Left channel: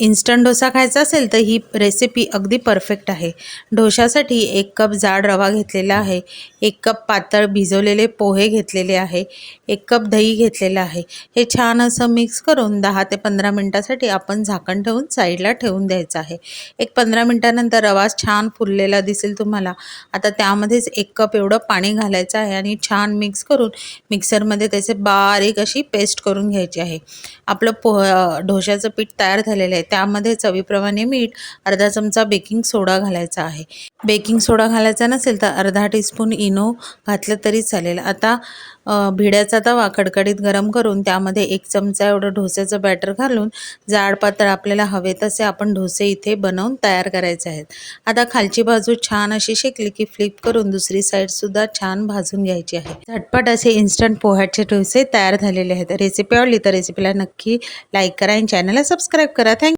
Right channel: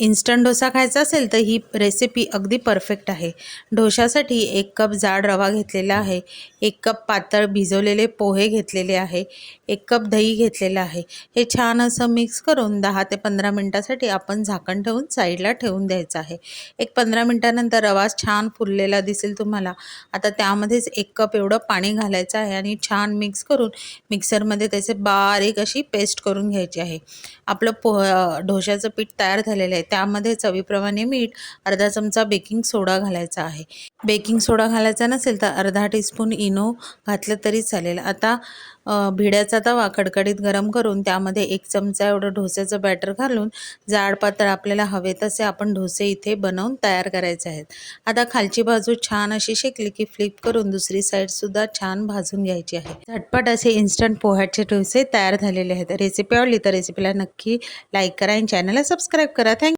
Instant dosa खायचा असेल तर ही रेसिपी अगदी परफेक्ट आहे। डोशासाठी 1 कप जाड रवा घेतलेला आहे, 1 कप पातळ भिजवलेले पोहे घेतलेले आहे, 1 कप दही घेतलेलं आहे। हे छान असं मिक्स करून 10 ते 15 मिनिटासाठी आपण झाकण ठेवून साईडला ठेवून द्यायचं आहे। एक 15 मिनिटानंतर रवा छान फुललेला दिसेल तुम्हाला। आता त्यामध्येच 1 कप एवढं पाणी घालायचं आहे आणि छान मिक्स करून मिक्सरमध्ये त्याचे बारीक अशी पेस्ट करून घ्यायची आहे। आपलं डोशाचं पीठ तयार झालेलं आहे। त्यामध्ये चवीप्रमाणे मीठ, अर्धा चमचा बेकिंग सोडा घालायचा आहे। बेकिंग सोडा घालायचा नसेल तर अर्धा टीस्पून इनो घातलं तरी चालेल। आता भिड्याचा तवा कडकडीत गरम करून त्यामध्ये 1 चमचा एवढं डोस्याचं बॅटर घालून जाड पातळ आपल्याला हवे तसे आपण डोसे इथे बनवून तयार करायचे आहेत। आता खालची बाजू छान अशी शेकली की फ्लिप करून दुसरी साईडसुद्धा छान भाजून घ्यायची आहे। झटपट असे इन्स्टंट पोह्याचे डोसे तयार झालेले आहेत। रेसिपी आवडली तर रेसिपीला नक्की लाईक करा आणि चॅनलला सबस्क्राईब करा। थँक्यू।